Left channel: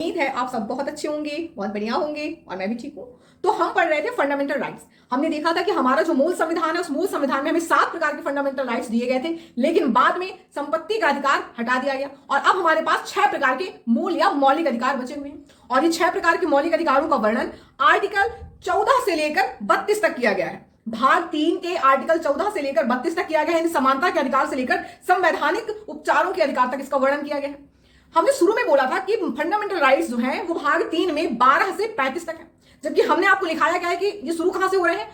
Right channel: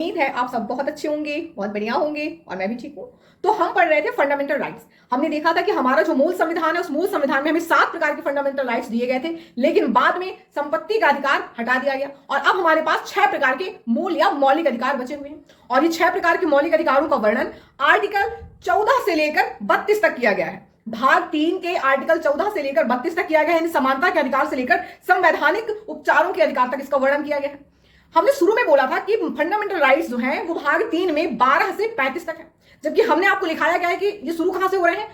उम्मीद है आप सब बहुत अच्छे होंगे, बहुत बढ़िया होंगे और मैं भी ठीक हूँ। तो हम पढ़ रहे थे फंडामेंटल राइट्स। हमने देखा था कि हमारा जो मूल संविधान है उस मूल संविधान में हमें 7 प्रकार के फंडामेंटल राइट्स दिए गए थे, लेकिन बाद में संपत्ति का अधिकार हटा दिया गया और अब हमारे पास 6 प्रकार के मूल या मौलिक अधिकार बचे हुए हैं। और ये 6 प्रकार के मौलिक अधिकारों का वर्णन आर्टिकल 14 से लेकर 32 तक किया गया है। भाग 3 के आर्टिकल 14 से लेकर 32 तक किया गया है। समानता के अधिकार से लेकर संवैधानिक उपचारों के अधिकार तक इसका वर्णन किया गया है। हमने शुरू में बोला था कि फंडामेंटल राइट्स जो हैं वो भाग 3 में 12 से 35 तक है, जबकि हमने आपको लिखाया गया है कि ये शुरू कहां से हो रहे हैं,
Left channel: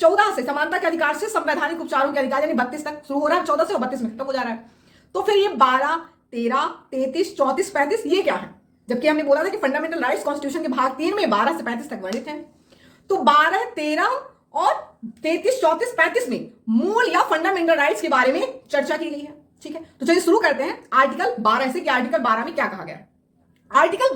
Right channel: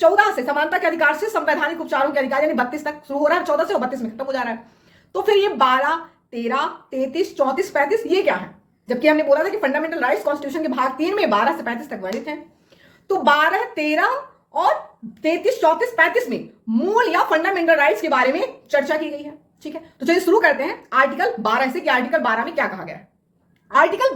14 से, समानता के अधिकार से संवैधानिक उपचारों के अधिकार, यानी 32 तक शुरू हो रहा है, 14 से और 32 में खत्म हो जा रहा है। तो फिर ये 12, 13, 33, 34, 35 ये क्या है, जबकि हमने बोला था कि फंडामेंटल राइट्स कॉन्स्टिट्यूशन के भाग 3 में 12 से 35 तक वर्णित है। तो 12, 13 और 33, 34, 35 में मूल या फंडामेंटल राइट्स के बारे में चर्चा की गई है। ठीक है, तो चलिए शुरू करते हैं आर्टिकल 12 से कि आर्टिकल 12 में क्या कहा गया है। आर्टिकल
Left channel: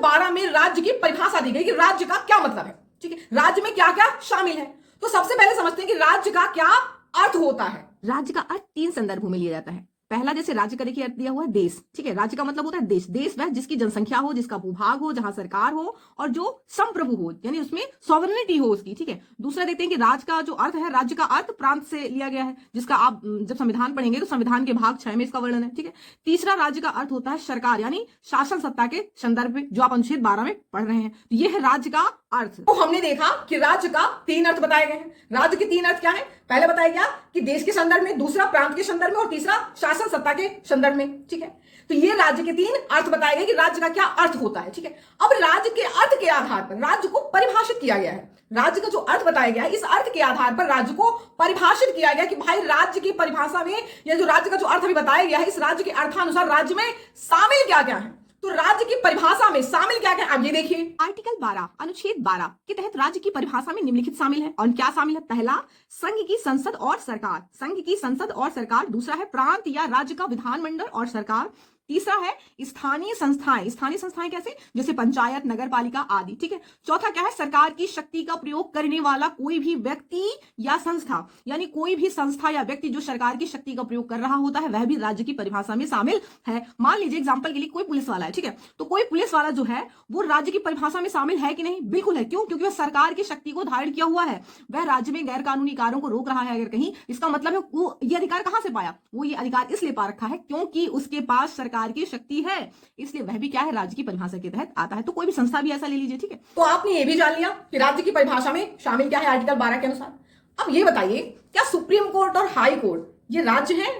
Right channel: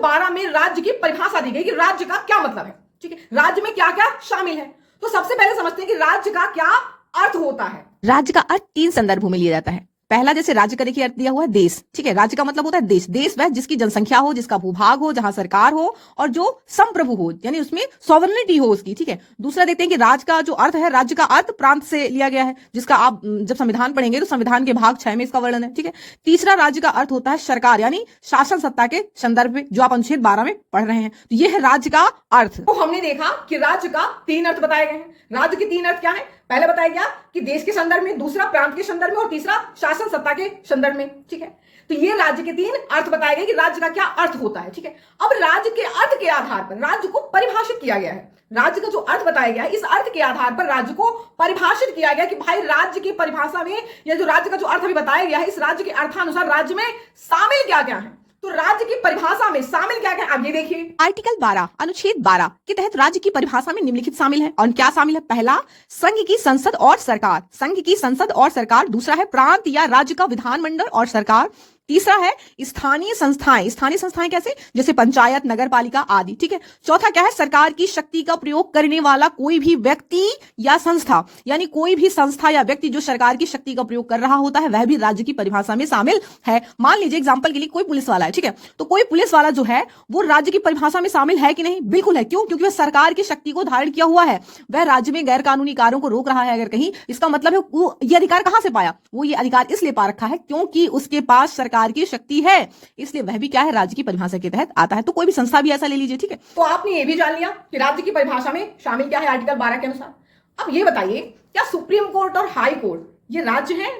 12 में राज्य की परिभाषा दी गई कि राज्य का क्या मतलब है। ठीक है, राज्य में क्या क्या शामिल है। तो सबसे पहले समझते हैं कि राज्य का क्या अर्थ होता है। राज्य का अर्थ 3 संदर्भों में लिया जाता है। पहला, जैसे राज्य का देखिए अर्थ दिया हुआ है देश। ठीक है, राज्य का मतलब होता है देश। देश वह जिसकी जनसंख्या हो, जिसका भूभाग हो, जहां सरकार हो और जो संप्रभु हो, यानी उसमें सॉवरेनिटी हो उसकी। ठीक है, दूसरा देखते हैं कि राज्य का जो अर्थ है, राज्य का अर्थ प्रांत से लिया गया है, जिसका आप जब संविधान पढ़ेंगे तो संविधान के भाग 6 में इसका वर्णन है। ठीक है, तीसरा राज्य का अर्थ होता है सरकार, यानी शासन सत्ता के संदर्भ में, जो आप अनुच्छेद 12 में पढ़ रहे हैं। तो यह है राज्य का अर्थ। तो हमने देखा कि राज्य का 3 अर्थ बताए गए हैं। राज्य के 3 अर्थ क्या है, पहले बताया गया कि देश के संदर्भ में, दूसरा प्रांत के संदर्भ में और तीसरा शासन सत्ता के संदर्भ में। ठीक है, तो ये राज्य के 3 अर्थ बताए गए कि राज्य का क्या अर्थ होता है। ठीक है, अब राज्य के अर्थ के आधार पर राज्य को परिभाषित किया गया है। राज्य का जो अर्थ बताया गया है, इस अर्थ के आधार पर राज्य को परिभाषित किया गया कि भाई राज्य की परिभाषा में, या जो राज्य का जो अर्थ अभी बताया गया है, इस राज्य के अर्थानुसार राज्य में शामिल क्या क्या है। तो राज्य की परिभाषा में शामिल क्या क्या है, अब ये देखिए आर्टिकल 12 अनुच्छेद 12 के तहत राज्य की परिभाषा में निम्नलिखित शामिल है। और क्या शामिल है? पहला, संघ की संसद और सरकार, संघ की संसद और सरकार। दूसरा है प्रांत या राज्य का विधानमंडल और सरकार। तीसरा है स्थानीय संस्थाएं। स्थानीय संस्थाएं कैसे? जैसे पंचायत, नगर पालिका आदि। ठीक है, चौथा क्या है? सरकार की शक्ति का प्रयोग करने वाला कोई भी व्यक्ति या संस्था, यानी कोई भी संस्था या व्यक्ति जो सरकार की शक्ति का प्रयोग कर रहा होता है, वह भी राज्य की परिभाषा में शामिल है। मान लीजिए एग्जाम्पल के लिए कोई पुलिस वाला है। ठीक है, तो कोई पुलिस वाला जो है वो राज्य की परिभाषा में शामिल है कि नहीं? बिल्कुल है। क्यों? क्योंकि वह सरकार की शक्ति को धारण किया हुआ है, वह राज्य में गैर कानूनी कार्यों को रोक रहा है अगर कहीं। इसका मतलब है वो ये अधिकार कहां से पाया? वो ये अधिकार इसलिए पा रखा है क्योंकि उसके पास सरकार की शक्ति है, इसलिए वह भी क्या है? राज्य की परिभाषा के तहत आता है। तो कोई भी संस्था भी ऐसा ले लीजिए। ठीक है, तो आपने ये भी जान लिया कि राज्य की परिभाषा में शामिल क्या है आर्टिकल 12 के अनुसार। अब ये बताइए, क्या सुप्रीम कोर्ट और हाई कोर्ट ये राज्य हैं?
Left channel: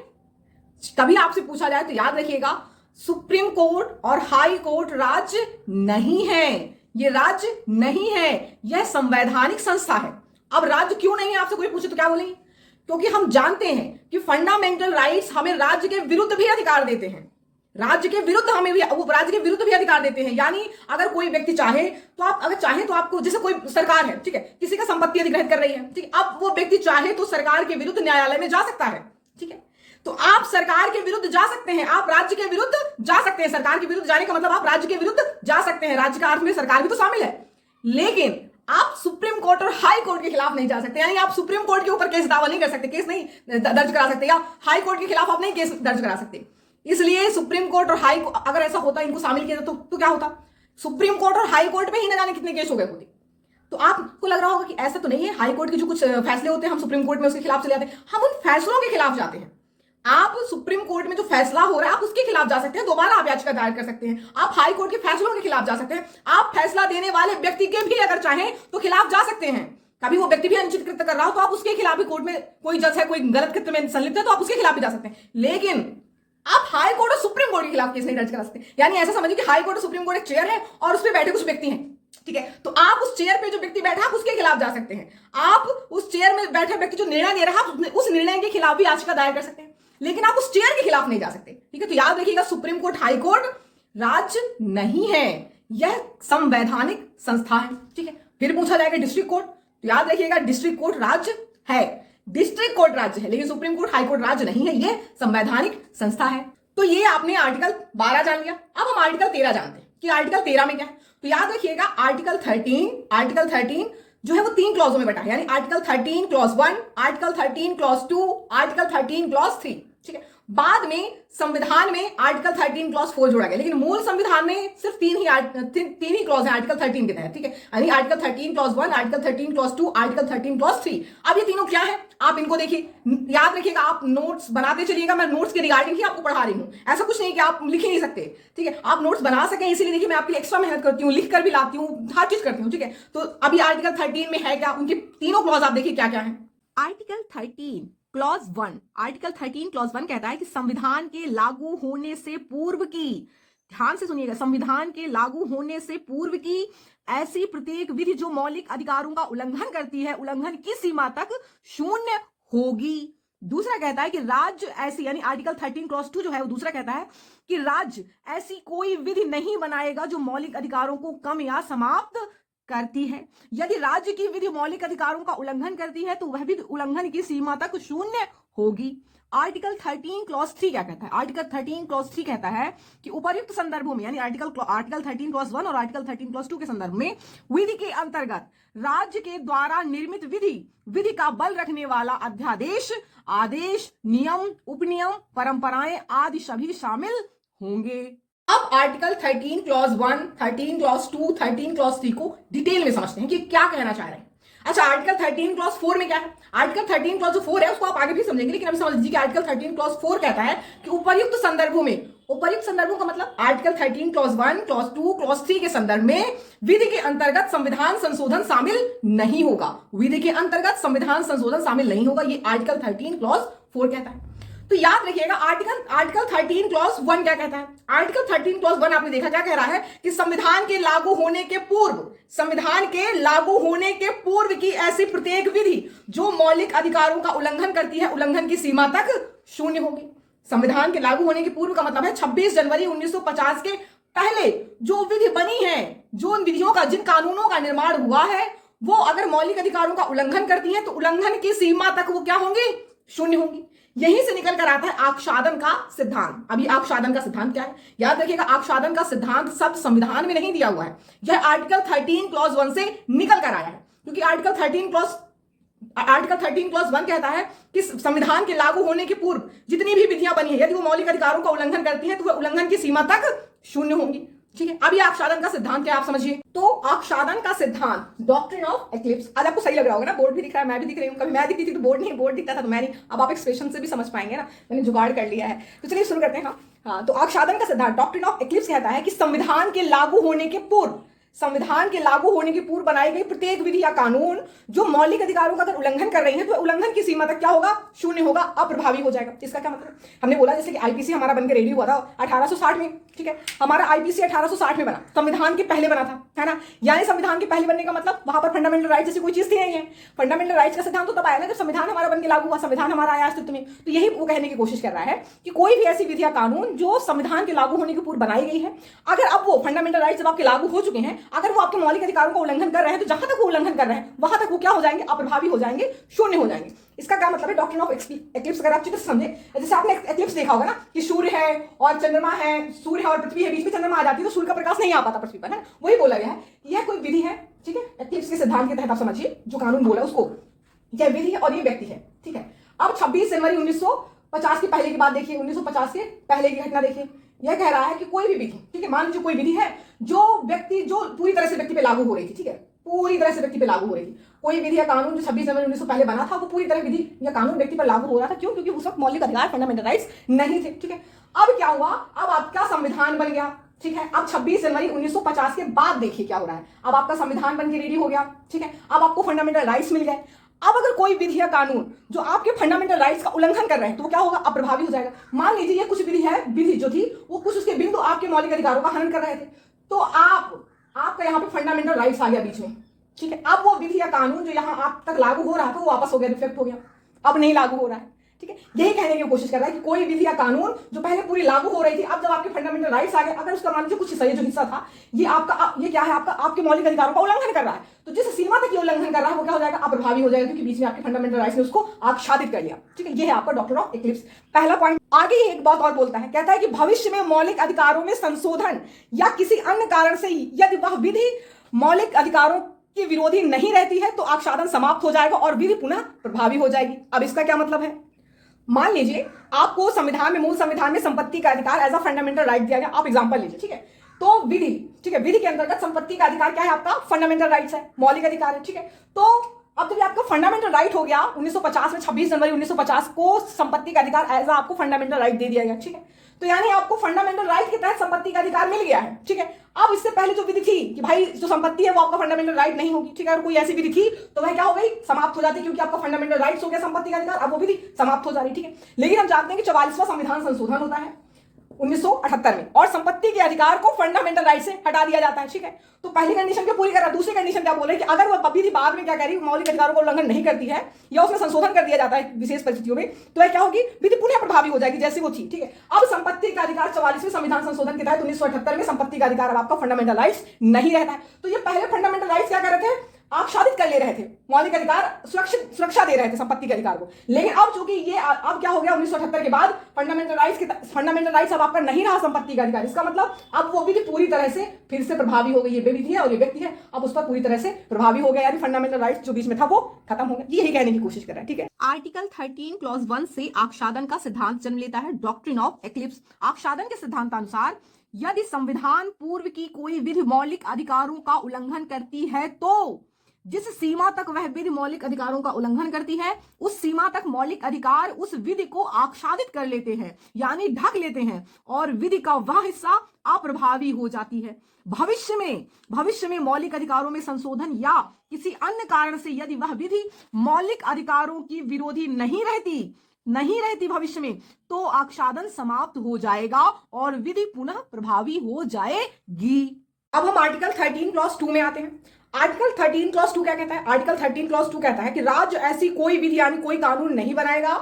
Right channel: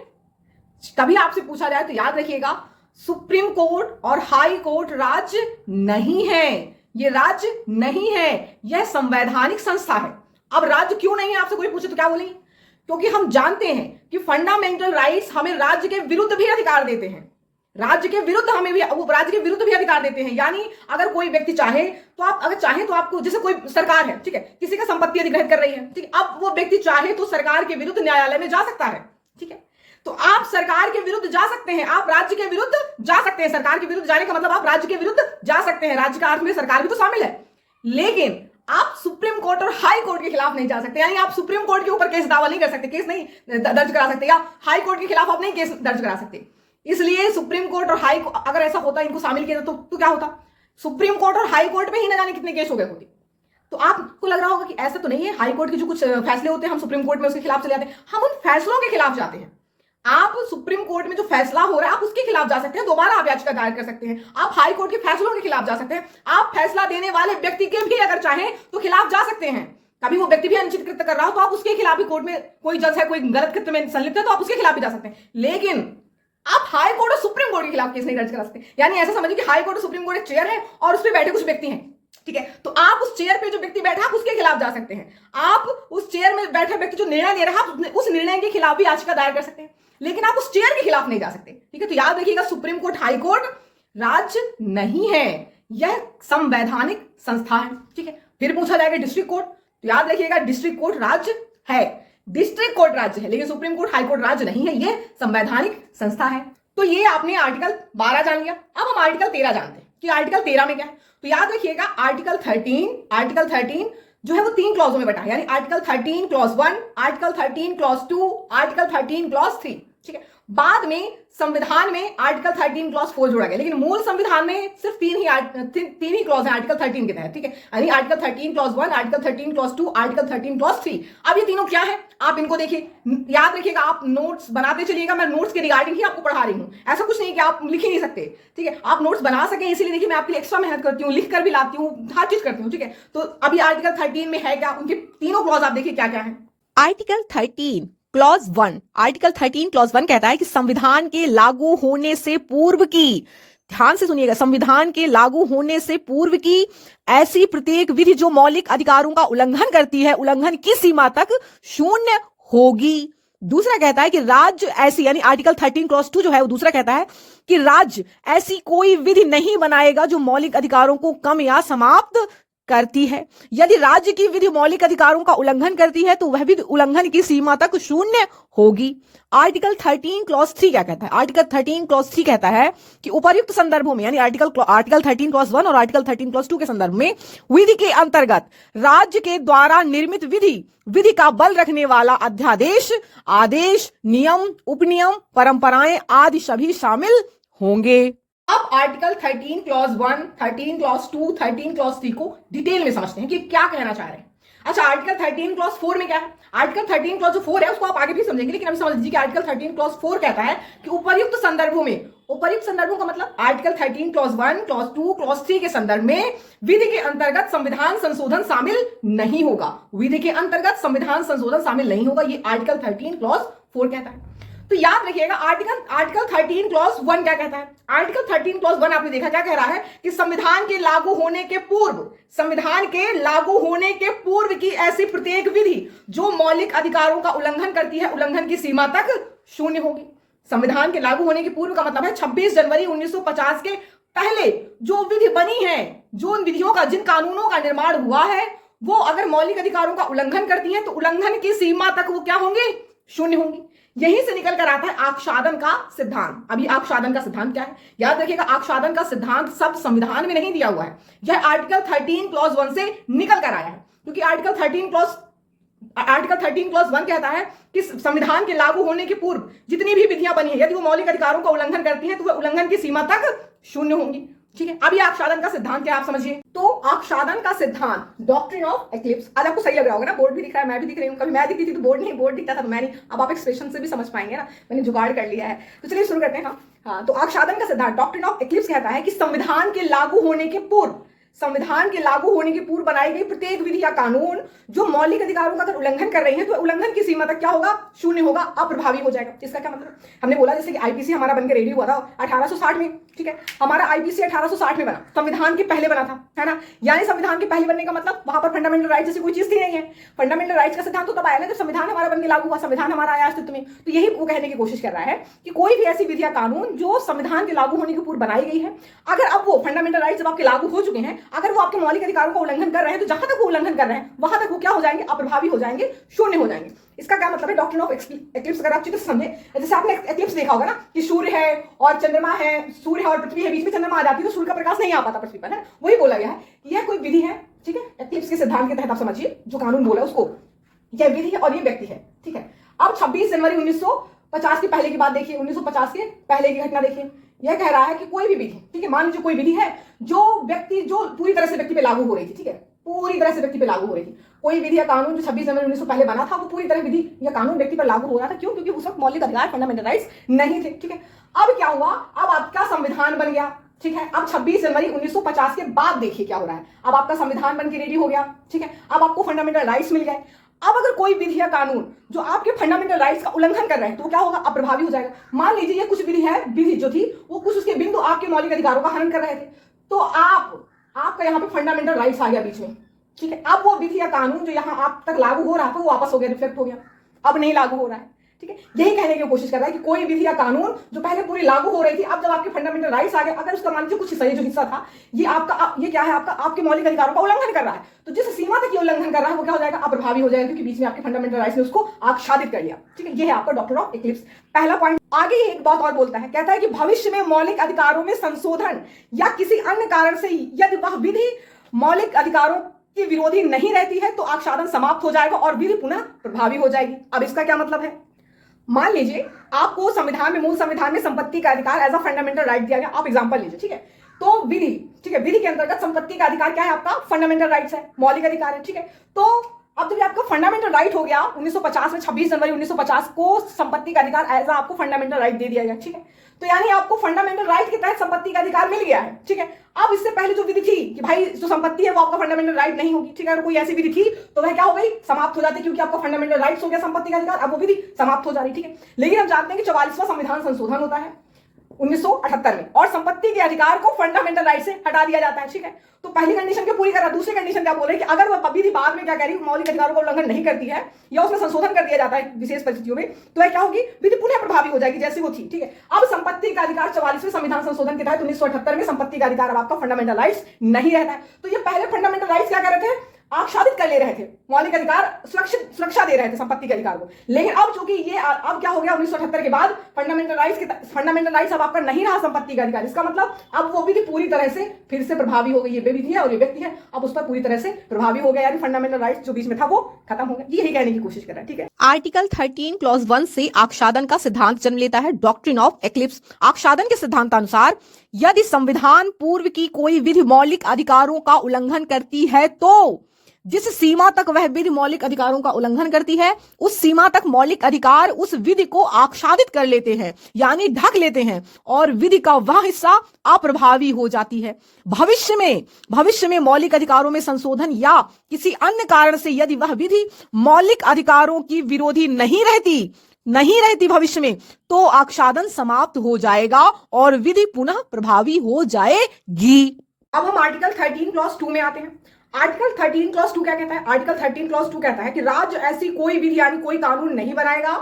कभी आपसे पूछा जाए तो याद रखिएगा, सुप्रीम कोर्ट और हाई कोर्ट राज्य नहीं है। ये राज्य नहीं है, यह संवैधानिक संस्था है। अब राज्य क्यों नहीं है, आपसे कोई पूछे तो क्या बोलेंगे? क्योंकि हम जानते हैं कि फंडामेंटल राइट्स हमें राज्य के विरुद्ध भी अधिकार देते हैं। राज्य के विरुद्ध हमें भी, राज्य के विरुद्ध भी अधिकार देते हैं। यानी अगर कोई व्यक्ति चाहे तो आप, अगर चाहे तो आपको, जैसे कोई सरकार है, ठीक है, किसी का संपत्ति अधिग्रहित कर रही है, ठीक है, अब वो व्यक्ति चाहे तो सरकार के विरुद्ध न्यायालय में जा सकता है। ठीक है, तो आप सरकार के विरुद्ध जा सकते हैं, आप राज्य के विरुद्ध जा सकते हैं। सरकार के विरुद्ध जाने का मतलब आप राज्य के विरुद्ध जा सकते हैं। राज्य का अर्थ में सरकार भी तो शामिल है, लेकिन आप सुप्रीम कोर्ट और हाई कोर्ट के खिलाफ नहीं जा सकते। यानी आप सुप्रीम कोर्ट के ऊपर केस दावा नहीं कर सकते, केस नहीं दर्ज करा सकते, या हाई कोर्ट के खिलाफ आप नहीं केस दर्ज करा सकते। इसलिए सुप्रीम कोर्ट और हाई, अगर ऐसा होता इनको शामिल किया तो क्या होता? सुप्रीम कोर्ट और हाई कोर्ट पे ही न जाने कितने केस हो गए होते। तो आपको लग रहा होगा कि ऐसा तो नहीं है, हाई कोर्ट के जो कुछ फैसले होते हैं हम सुप्रीम कोर्ट में उसके खिलाफ चले जाते हैं। हम उन फैसलों के खिलाफ जाते हैं। आप सुप्रीम कोर्ट में जो फैसला हो रहा है आप उसके खिलाफ जा सकते हैं, दोबारा आप याचिका दायर कर सकते हैं। आप हाई कोर्ट के फैसलों के खिलाफ जा सकते हैं, आप फैसला देने वाले व्यक्ति के भी अगर चाहें तो खिलाफ जा सकते हैं। कभी वो व्यक्ति भी अनुचित कृत्य कर रहा हो तो आप उसके खिलाफ भी, कोर्ट में कोई जज है, कोई गलत कृत्य में संलिप्त है तो आप उसके खिलाफ भी जा सकते हैं। लेकिन आप हाई कोर्ट और सुप्रीम कोर्ट के खिलाफ केस नहीं दर्ज करा सकते। यानी ऐसा समझिए कि हाई कोर्ट और सुप्रीम कोर्ट एक चेयर है और उस पर बैठे कुछ व्यक्ति हैं। ठीक है, तो आप उस चेयर पे जो व्यक्ति बैठा है उसके खिलाफ जा सकते हैं। आप उस चेयर में बैठे व्यक्ति जो निर्णय दे रहा है उस निर्णय के खिलाफ भी याचिका दायर कर सकते हैं, लेकिन आप उस चेयर के खिलाफ नहीं जा सकते। ठीक है, तो याद रखिएगा, सुप्रीम कोर्ट, हाई कोर्ट राज्य नहीं है, यह संवैधानिक संस्था है। ठीक है, फिर पूछा जाएगा डिस्ट्रिक्ट कोर्ट, तो याद रखिएगा डिस्ट्रिक्ट कोर्ट राज्य है, डिस्ट्रिक्ट कोर्ट राज्य है, लेकिन सुप्रीम कोर्ट, हाई कोर्ट राज्य नहीं है, यह संवैधानिक संस्था है। तो ये आपने आर्टिकल 12 जान लिया। अब हम आर्टिकल 13 जानते हैं कि आर्टिकल 13 में क्या है। तो याद रखिएगा आर्टिकल 13 जो है वो 3 क्लॉजों में बटा है, यानी article 13 clause 1, article 13 clause 2, article 13 clause 3। ठीक है, बाद में संविधान में आर्टिकल 13 क्लॉज 4 जोड़ा गया, लेकिन मूल संविधान में सिर्फ तीन ही क्लॉज है आर्टिकल 13 के तहत, ठीक है। यानी article 13 clause 1, article 13 clause 2, article 13 clause 3। अब ये तीनों क्या है आप इनको देखिए, याद रखिएगा, आप नोट्स बनाते चलिएगा, मैं नोट्स के रिगार्डिंग ही आपको पढ़ा रही हूं, ऐसा कुछ नहीं कि आप लिख ही नहीं सकते, ठीक है। आप नोट्स बना सकें इसीलिए देखिए मैं आपके लिए एक्स्ट्रा मेहनत करती हूँ, लिख कर भी लाती हूँ, हर चीज करती हूँ, ठीक है। तो अभी आर्टिकल 13 में है क्या, उनके तीनों क्लॉज आप देखिए क्या क्या है। आर्टिकल 13 क्लॉज 1, आर्टिकल 13 क्लॉज 1 कहता है कि संविधान के लागू होने से पूर्व की, ध्यान से सुनिएगा, संविधान के लागू होने से पूर्व की ऐसी प्रत्येक विधि जो मौलिक अधिकारों का उल्लंघन करती है, उल्लंघन की सीमा तक शून्य होगी। दूसरा कहता है कि राज्य ऐसी, यानी आर्टिकल 13 क्लॉज 2 जो है वो दूसरा कहता है कि राज्य ऐसी कोई विधि नहीं बनाएगा जो मौलिक अधिकारों को कम या समाप्त करती है। यदि राज्य की विधि मौलिक अधिकारों का उल्लंघन करती है तो वह विधि उल्लंघन की सीमा तक शून्य होगी। आर्टिकल 13 क्लॉज 3 क्या कहता है? आर्टिकल 13 क्लॉज 3 कहता है कि उपर्युक्त संदर्भों में, यानी आर्टिकल 13 क्लॉज 1 और आर्टिकल 13 क्लॉज 2 के संदर्भ में विधि के अंतर्गत राज्य के द्वारा निर्मित विधि का बल रखने वाला अध्यादेश, आदेश, नियम, उपनियम, परंपराएं आदि सभी शामिल होंगे। अब आर्टिकल 13 क्लॉज 1, 13 क्लॉज 2, 13 क्लॉज 3 को डिटेल में समझते हैं कि क्या कहना चाह रहे हैं। अच्छा, आर्टिकल 13 क्लॉज 4 में क्या है? आर्टिकल 13 क्लॉज जो 4 है उसको आप आगे भी समझेंगे, लेकिन अभी समझ लीजिए कि आर्टिकल 13 क्लॉज 4 कहता है कि उपर्युक्त संदर्भों में, उपर्युक्त संदर्भों का मतलब आर्टिकल 13 क्लॉज 1, क्लॉज 2, क्लॉज 3 के संदर्भ में विधि के अंतर्गत संविधान संशोधन शामिल नहीं होगा। विधि के अंतर्गत संविधान संशोधन शामिल नहीं होगा, ये आर्टिकल 13 क्लॉज 4 कहता है। तो याद रखिएगा आर्टिकल 13 क्लॉज 1 क्या कहता है? आर्टिकल 13 क्लॉज 1 आपने देखा क्या कह रहा है कि संविधान के लागू होने के पूर्व, संविधान के लागू होने के पूर्व की ऐसी प्रत्येक विधि जो मौलिक अधिकारों का उल्लंघन करती है, उल्लंघन की सीमा तक शून्य होगी। संविधान के लागू होने के पूर्व का मतलब है 26 जनवरी 1950 के पहले जो विधि बनी है, जो उन विधियों का, जिन कानूनों का निर्माण हुआ है, वो अगर मौलिक अधिकारों का उल्लंघन करती है तो उल्लंघन की सीमा तक वो क्या होंगे? शून्य होंगी। यहीं से निकल कर आता है आक्षादन का सिद्धांत। अभी आक्षादन का सिद्धांत क्या है याद रखिएगा, आक्षादन का सिद्धांत सब संविधान में नहीं दिया हुआ है, यह आर्टिकल 13 क्लॉज 1 से निकल कर आया है, क्योंकि आर्टिकल 13 क्लॉज 1 कहता है कि संविधान के लागू होने के पूर्व जितनी भी विधियां बनी है, यदि वो मौलिक अधिकारों का उल्लंघन करती हैं तो वह उल्लंघन की सीमा तक शून्य होंगी। ठीक है, अब ये आक्षादन का सिद्धांत क्या आप समझिए। तो आक्षादन का सिद्धांत, डॉक्ट्रिन ऑफ एक्लिप्स, आज आपको सही लग रहा होगा ना, बोर्ड भी दिख रहा है, मैं भी दिख रही हूँ, कभी मैं दिखती थी तो बोर्ड नहीं, बोर्ड दिखता था तो मैं नहीं, अब आप एक्सप्रेशन से भी समझ पाएंगे ना, मैंने जुगाड़ कर लिया है। तो चलिए शुरू करते हैं। हाँ, तो आक्षादन का सिद्धांत, डॉक्ट्रिन ऑफ एक्लिप्स कहता है कि संविधान के लागू होने के पूर्व, संविधान के लागू होने के पूर्व बनाई गई प्रत्येक विधि या कानून जो मौलिक अधिकारों का अगर उल्लंघन कर रही है तो उल्लंघन की सीमा तक क्या होगा? शून्य होगा, अप्रभावी हो जाएगा। इसका क्या मतलब? हमने बोला जैसे कि आईपीसी हमारा बनकर रेडी हुआ था 1860 में, ठीक है, हमारा आईपीसी 1860 में बना, संविधान के पहले बना था, है ना। यानी संविधान के पहले बनने का मतलब वहां पर फंडामेंटल राइट जैसी कोई चीज थी नहीं है। फंडामेंटल राइट्स का सिद्धांत तो तब आया ना जब संविधान हमारा बनकर लागू हुआ, संविधान हमारा आया अस्तित्व में। तो यही वो कहने की कोशिश कर रहा है कि कोई भी ऐसी विधि या कानून जो संविधान के लागू होने के पूर्व बनाई गई है, अगर अब वो फंडामेंटल राइट्स जब आपके लागू हो चुके हैं, अगर वो आपके मौलिक अधिकारों का उल्लंघन कर रहे हैं तो जहां तक वो उल्लंघन कर रहे हैं वहां तक वो क्या हो जाएंगे? अप्रभावी हो जाएंगे, शून्य हो जाएंगे। इसका क्या मतलब है? डॉक्ट्रिन ऑफ एक्लिप्स अगर आप अच्छे से समझे, जैसे आपने एक्लिप्स देखा होगा ना कि सूर्य है और चंद्रमा है, सूर्य है और पृथ्वी है, बीच में चंद्रमा आ जाती है तो सूर्य का प्रकाश नहीं आ पाता पृथ्वी पर, है। वही बोला गया है कि यह कोई विधि है, ठीक है, एक्लिप्स के सिद्धांत के तहत आप समझिए, जो कानून बोला उसको, यह विधि है और ये व्यक्ति है, ठीक है। अब 26 जनवरी 1950 के पहले की बात देखिए, 1950 के पहले की घटना देखिए। यह कह रहा है कि कोई भी विधि, ठीक है, मान लीजिए कोई विधि है जो पूरी तरह से व्यक्ति पे लागू हो रही थी, ठीक है, पूरी तरह से व्यक्ति पे लागू हो रही थी। कोई विधि या कानून जो 26 जनवरी 1900 पहले बना था वो पूरी तरह विधि या कानून व्यक्ति पर लागू हो रहा था। क्यों? क्योंकि उस वक्त मौलिक अधिकार, फंडामेंटल राइट्स नहीं थे, ठीक है। अब क्या हुआ? अब आपका संविधान बन गया, ठीक है। अब 26 जनवरी 1950 के बाद देखिए क्या हो रहा है। अब आपका संविधान बन के रेडी हो गया, ठीक है। अब आपको फंडामेंटल राइट्स मिल गए। अब अगर कोई विधि या कानून जो आपके फंडामेंटल राइट्स का उल्लंघन कर रहे हैं तो वो क्या होगा? अप्रभावी हो जाएगा। मान लीजिए ये कुछ विधि जो थी वो कुछ उसके बिंदु आपके मौलिक अधिकारों का हनन कर रहे थे, तो आपका यहाँ पे फंडामेंटल राइट्स आ गया बीच में, ठीक है। अब वो विधि या कानून जो यहाँ आप तक लागू हो रहा था वो वापस हो गया, रिफ्लेक्ट हो गया, अब नहीं लागू हो रहा है, ठीक है। यही कहने की कोशिश कर रहा है कि कोई विधि या कानून जो पहले पूरी लागू हो रही थी, अब जब आपके फंडामेंटल राइट्स आ गए, अगर उसका मान लीजिए कुछ जो हिस्सा था ये आपका, ये क्या है आपका, आपके मौलिक अधिकारों का उल्लंघन कर रहा है, तो जिस सीमा तक ये उल्लंघन कर रहा है वो क्या हो जाएगा? अप्रभावी हो जाएगा, क्योंकि बीच में आपके फंडामेंटल राइट्स ने उसको आच्छादित कर लिया, ठीक है। ये है आपका डॉक्ट्रिन ऑफ एक्लिप्स, पहला पॉइंट। आगे एक बात और बोलता है, कहता है कि भविष्य में मौलिक अधिकारों में संशोधन या किसी अन्य कारण से यदि वह विधि मौलिक अधिकारों की विरोधी नहीं रहती है तो आच्छादन समाप्त हो जाएगा और विधि पुनः प्रभावी हो जाएगी। अब इसका क्या मतलब है? मान लीजिए आपको संविधान में, मूल संविधान में संपत्ति का अधिकार एज अ फंडामेंटल राइट दिया गया। आप एग्जांपल लीजिए, ठीक है। तो विधि, ठीक है, विधि के अंतर्गत संपत्ति का अधिकार क्या है? आपका फंडामेंटल राइट्स है, मौलिक अधिकार है, ठीक है। तो अब जब आपका फंडामेंटल राइट हो गया 1950 में, 26 जनवरी 1950 को संपत्ति का अधिकार एज आपको फंडामेंटल राइट दे दिया गया, ठीक है। तो यानी आपको फंडामेंटल राइट के तहत संपत्ति का अधिकार मिल गया है, ठीक है। अब इससे पहले जो विधि थी कि भाई जो संपत्ति है वो आपका फंडामेंटल राइट नहीं होगी, ठीक है, अगर कोई ऐसी विधि थी तो वह क्या हो गई? समाप्त हो जाती, क्योंकि आपका फंडामेंटल राइट्स हो गया संपत्ति का अधिकार, अब वो विधि समाप्त हो जा रही, ठीक है। लेकिन हम जानते हैं कि 44वां संविधान संशोधन होता है 1978 में, और संपत्ति के अधिकार को फंडामेंटल राइट से हटा दिया जाता है, ठीक है। तो पहली कंडीशन को पूरी कर रहा है। दूसरी कंडीशन क्या बोल रहे हैं कि अगर वह विधि बाद में क्या कह रही है, मौलिक अधिकारों का उल्लंघन नहीं करती है या उसमें संशोधन कर दिया जाता है विशेष परिस्थितियों में, तो वह क्या होगी? विधि पुनः प्रभावी हो जाएगी जैसी वो थी, ठीक है। अब संपत्ति का अधिकार 44वें संविधान संशोधन के तहत 1978 में संपत्ति का अधिकार अब आपका फंडामेंटल राइट्स नहीं रहता है। तो ये पहले फंडामेंटल राइट्स क्या कर रहे थे? आच्छादित कर ले रहे थे, मौलिक अधिकार सुरक्षा दे रहे थे संपत्ति के अधिकार को। लेकिन अब चूंकि ये अब क्या हो गया 1978 के बाद फंडामेंटल राइट्स अब आपका नहीं रहा संपत्ति का अधिकार। इसका मतलब अब वो विधि पूरी तरह से फिर से प्रभावी हो गई। ये विधि है और ये व्यक्ति है, अब उस पर पूरी तरह से प्रभावी हो गया, यानी फंडामेंटल राइट्स जो बीच में था वो खत्म हो गया। यही कहने की कोशिश कर रहा है, ठीक है। आर्टिकल 13 क्लॉज 1 से आक्षादन का सिद्धांत जन्म लेता है, डॉक्ट्रिन ऑफ एक्लिप्स। आक्षादन के सिद्धांतानुसार यदि संविधान पूर्व की कोई विधि मौलिक अधिकारों का उल्लंघन करती है तो जिस सीमा तक वह विधि मौलिक अधिकारों का उल्लंघन करती है उस सीमा तक मौलिक अधिकार उस विधि को आच्छादित कर लेते हैं, यानी ढक लेते हैं, और विधि का वह हिस्सा अप्रभावी हो जाती है। भविष्य में मौलिक अधिकारों में संशोधन या किसी अन्य कारण से यदि वह विधि मौलिक अधिकारों की विरोधी नहीं रहती भविष्य में, तो आच्छादन समाप्त हो जाएगा और विधि पुनः प्रभावी हो जाएगी। अब हम आर्टिकल 13 क्लॉज 2 में आते हैं। आर्टिकल 13 क्लॉज 2 क्या कहता है? आर्टिकल 13 क्लॉज 2 कहता है कि राज्य ऐसी कोई विधि यानी कोई कानून नहीं बनाएगा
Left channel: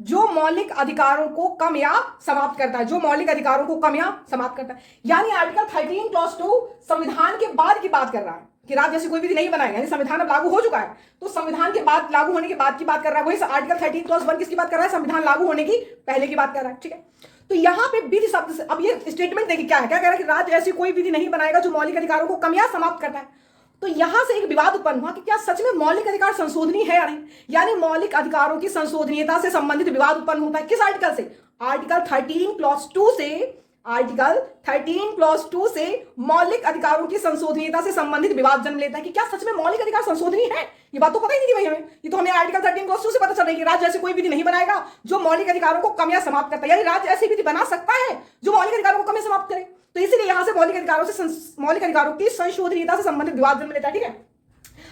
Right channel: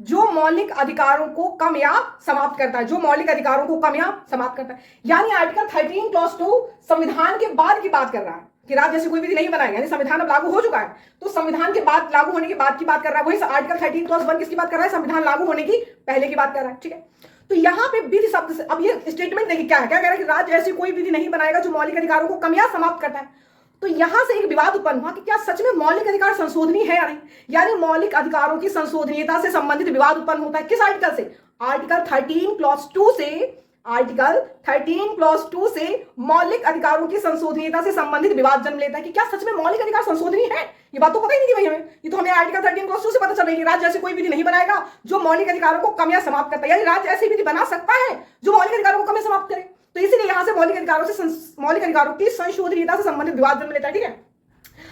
जो मौलिक अधिकारों को कम या समाप्त करता है, जो मौलिक अधिकारों को कम या समाप्त करता है। यानी आर्टिकल 13 क्लॉज 2 संविधान के बाद की बात कर रहा है कि राज्य ऐसी कोई विधि नहीं बनाएगा, यानी संविधान अब लागू हो चुका है तो संविधान के बाद लागू होने के बाद की बात कर रहा है। वही आर्टिकल 13 क्लॉज 1 किसकी बात कर रहा है? संविधान लागू होने की पहले की बात कर रहा है, ठीक है। तो यहाँ पे विधि शब्द से अब ये स्टेटमेंट देखिए क्या है, क्या कह रहा है कि राज्य ऐसी कोई विधि नहीं बनाएगा जो मौलिक अधिकारों को कम या समाप्त करता है। तो यहां से एक विवाद उत्पन्न हुआ कि क्या सच में मौलिक अधिकार संशोधनीय है या नहीं, यानी मौलिक अधिकारों की संशोधनीयता से संबंधित विवाद उत्पन्न होता है। किस आर्टिकल से? आर्टिकल 13 क्लॉज 2 से। आर्टिकल 13 क्लॉज 2 से मौलिक अधिकारों की संशोधनीयता से संबंधित विवाद जन्म लेता है कि क्या सच में मौलिक अधिकार संशोधनीय है। ये बात तो पता ही नहीं थी भाई हमें, ये तो हमें आर्टिकल 13 क्लॉज 2 से पता चल रही है कि राज्य ऐसी कोई विधि नहीं बनाएगा जो मौलिक अधिकारों को कम या समाप्त करता है, यानी राज्य ऐसी विधि बना सकता है जो मौलिक अधिकारों को कम या समाप्त करे। तो इसीलिए यहां से मौलिक अधिकारों की संशोधनीयता से संबंधित विवाद जन्म लेता है, ठीक है।